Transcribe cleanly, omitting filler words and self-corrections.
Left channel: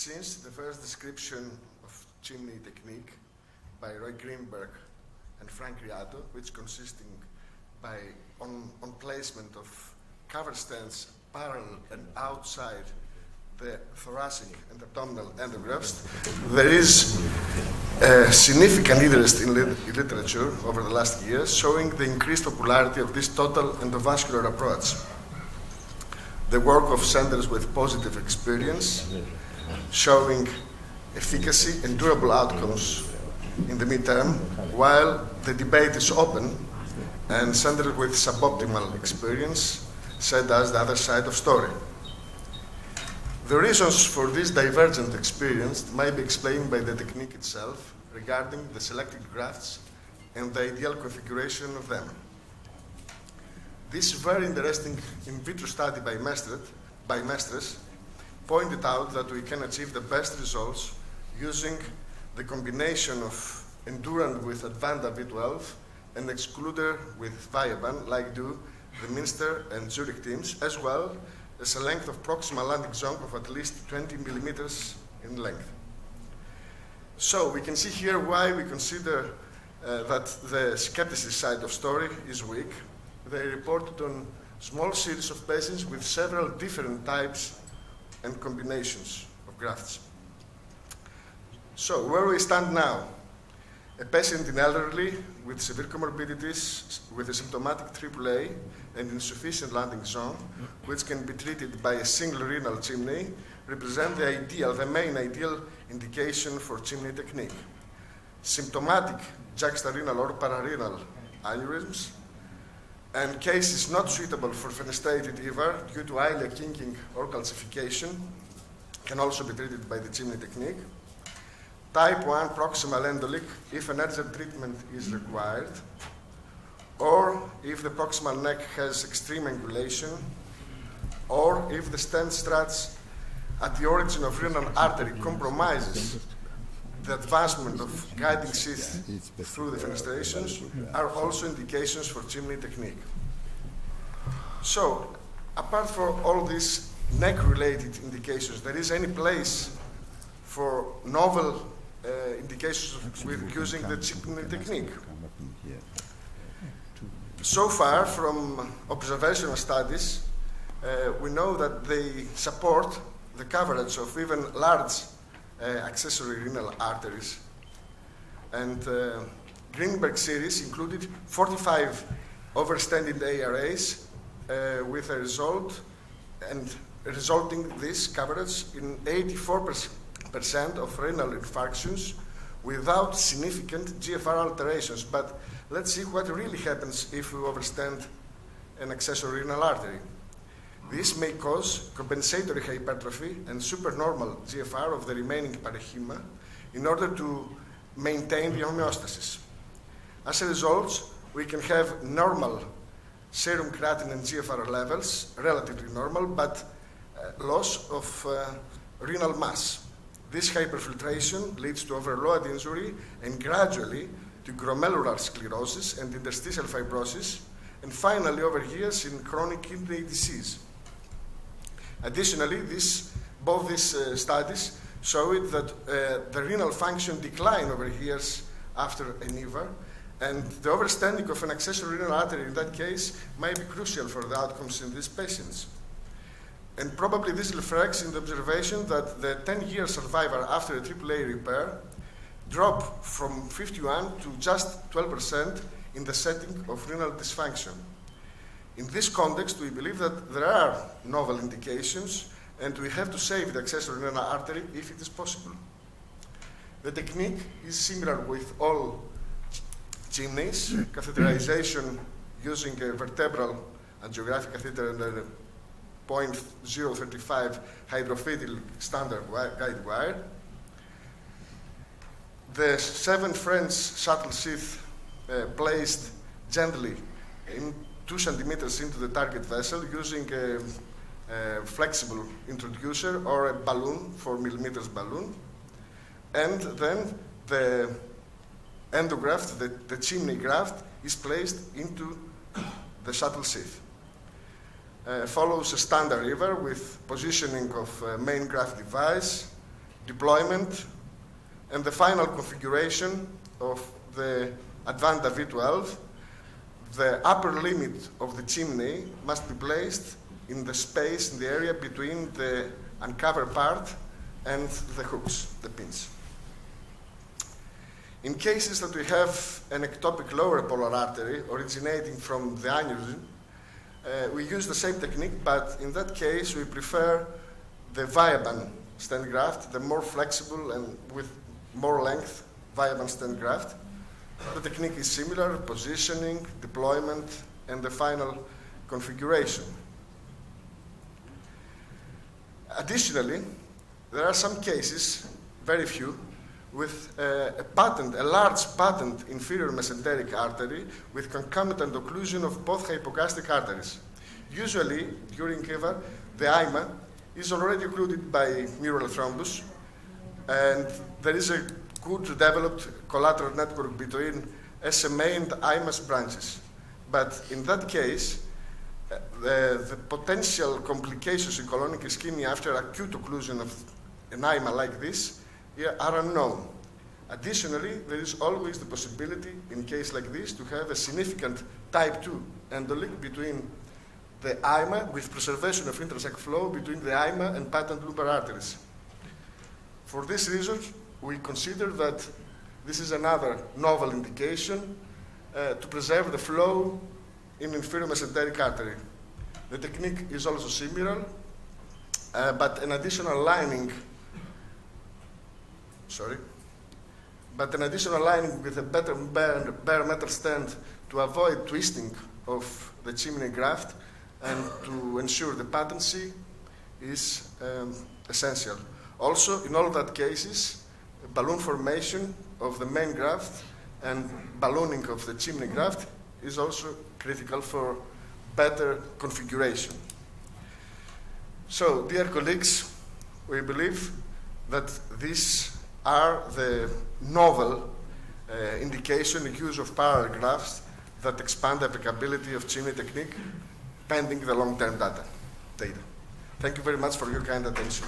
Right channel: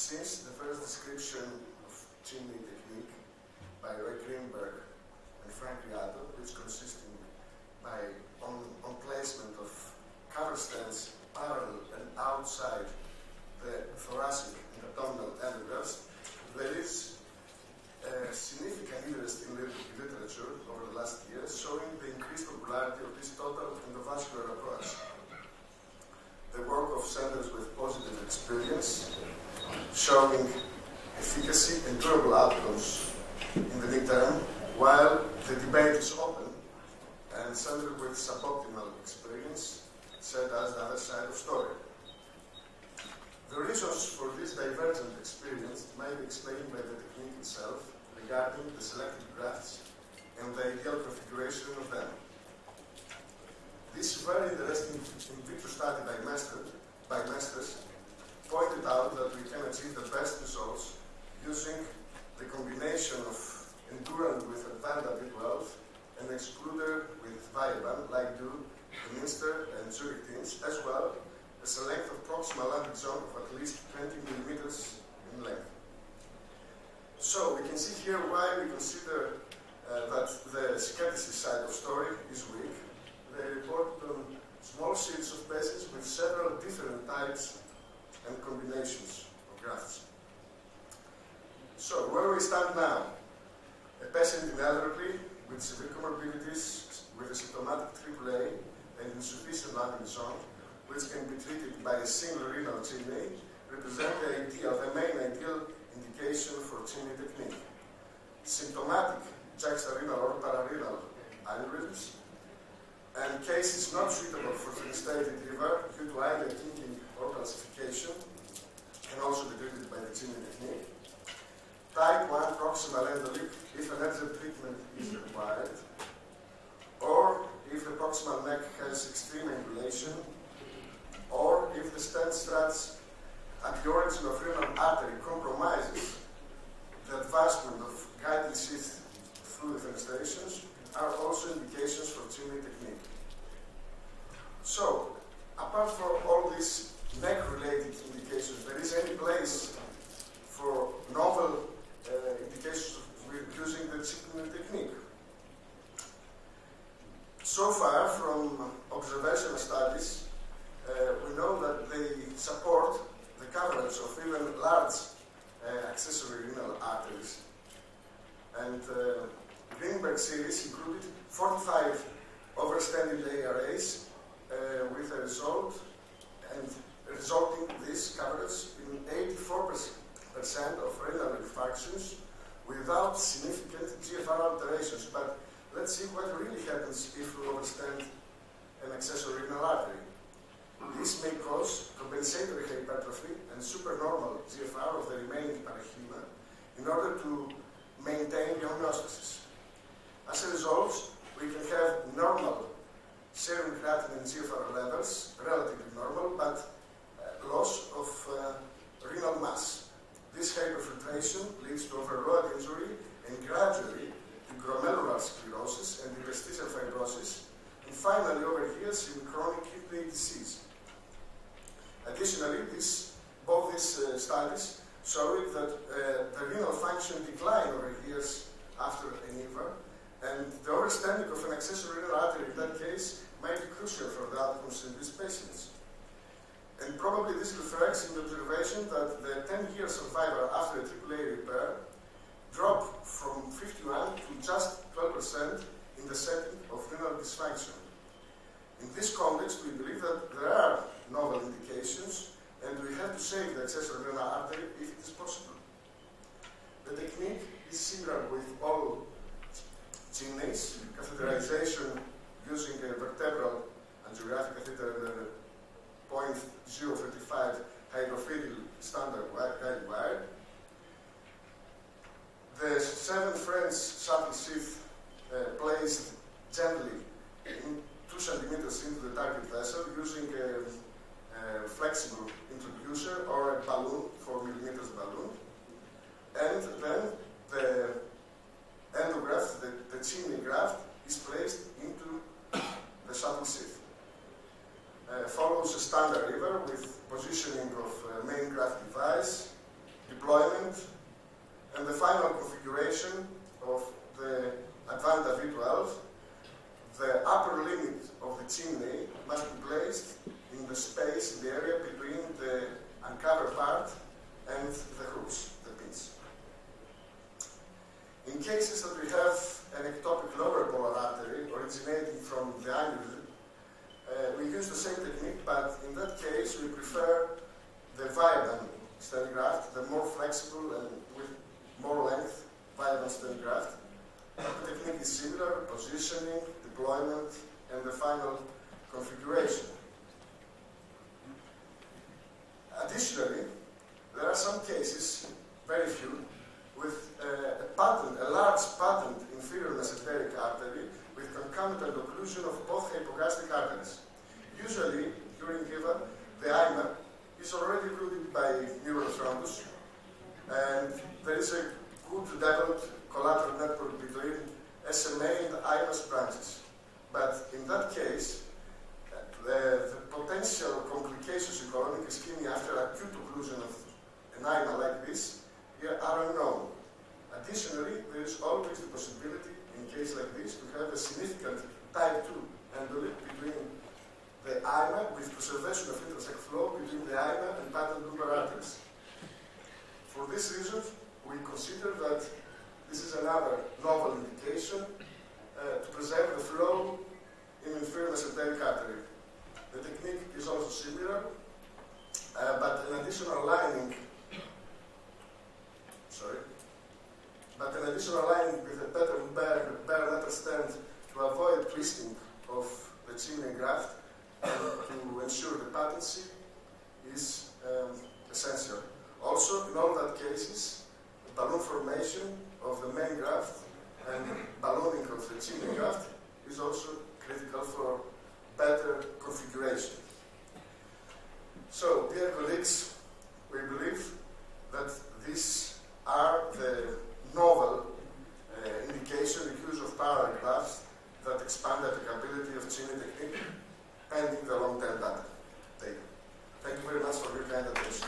Since the first description of chimney technique by Roy Greenberg and Frank Riato, which consisting on placement of cover stands parallel and outside the thoracic and abdominal endographs, there is a significant interest in literature over the last years showing the increased popularity of this total endovascular approach. The work of centers with positive experience showing efficacy and durable outcomes in the midterm, while the debate is open and centers with suboptimal experience said as the other side of story. The reasons for this divergent experience may be explained by the technique itself regarding the selected grafts and the ideal configuration of them. This very interesting in vitro study by Mestres pointed out that we can achieve the best results using the combination of endurant with Advanta B12 and excluder with Viaban, like do the Minster and Zurich teams, as well as a length of proximal landing zone of at least 20 millimeters in length. So we can see here why we consider that the skepticism side of story is weak. They reported on small series of patients with several different types and combinations of grafts. So where we stand now, a patient in elderly with severe comorbidities with a symptomatic AAA and insufficient landing zone, which can be treated by a single renal chimney, represent the main ideal indication for chimney technique. Symptomatic juxtarenal or pararenal aneurysms and cases not suitable for fenestrated EVAR due to ilia kinking or calcification can also be treated by the chimney technique. Type 1 proximal endoleak if an urgent treatment is required, or if the proximal neck has extreme angulation, or if the stent struts at the origin of renal artery compromises the advancement of guiding sheath through the fenestrations, are also indications for chimney technique. So, apart from all these neck-related indications, there is any place for novel indications with using the chimney technique? So far, from observational studies, we know that they support the coverage of even large accessory renal arteries. And Greenberg series included 45 overstanding ARAs with a result and resulting this coverage in 84% of renal infarctions without significant GFR alterations. But let's see what really happens if we overstand an accessory renal artery. This may cause compensatory hypertrophy and supernormal GFR of the remaining parenchyma in order to maintain the homeostasis. As a result, we can have normal serum creatinine and GFR levels, relatively normal, but loss of renal mass. This hyperfiltration leads to overload injury and gradually to glomerular sclerosis and interstitial fibrosis, and finally over years in chronic kidney disease. Additionally, both these studies showed that the renal function declined over years after an EVAR, and the overstanding of an accessory renal artery in that case might be crucial for the outcomes in these patients. And probably this reflects in the observation that the 10-year survival after a AAA repair dropped from 51 to just 12% in the setting of renal dysfunction. In this context, we believe that there are novel indications and we have to save the accessory renal artery if it is possible. The technique is similar with all chimneys, catheterization using a vertebral angiographic catheter and a 0.035 hydrophilic standard guide wire. The 7 French shuttle sheath placed gently in 2 centimeters into the target vessel using a flexible introducer or a balloon, 4 millimeters balloon. And then the endograft, the chimney graft, is placed into the shuttle sheath. Follows a standard EVAR with positioning of main graft device, deployment, and the final configuration of the Advanta V12. The upper limit of the chimney must be placed in the space, in the area between the uncovered part and the hooks, the pins. In cases that we have an ectopic lower polar artery originating from the aneurysm, we use the same technique, but in that case we prefer the Viaban stent graft, the more flexible and with more length Viaban stent graft. The technique is similar: positioning, deployment, and the final configuration. Additionally, there are some cases, very few, with a large patent inferior mesenteric artery with concomitant occlusion of both hypocastic arteries. Usually, during EVA, the IMA is already occluded by mural thrombus, and there is a good developed collateral network between SMA and IMA's branches. But in that case, the potential complications in colonic ischemia after acute occlusion of an IMA like this are unknown. Additionally, there is always the possibility, in case like this, to have a significant type 2 endoleak between the IMA with preservation of intrasac flow between the IMA and patent loopar arteries. For this reason, we consider that this is another novel indication to preserve the flow in inferior mesenteric artery. The technique is also similar, but an additional lining with a better bare metal stent to avoid twisting of the chimney graft and to ensure the patency is essential. Also, in all that cases, balloon formation of the main graft and ballooning of the chimney graft is also critical for better configuration. So, dear colleagues, we believe that these are the novel indication and use of parallel grafts that expand the applicability of chimney technique pending the long-term data. Thank you very much for your kind attention.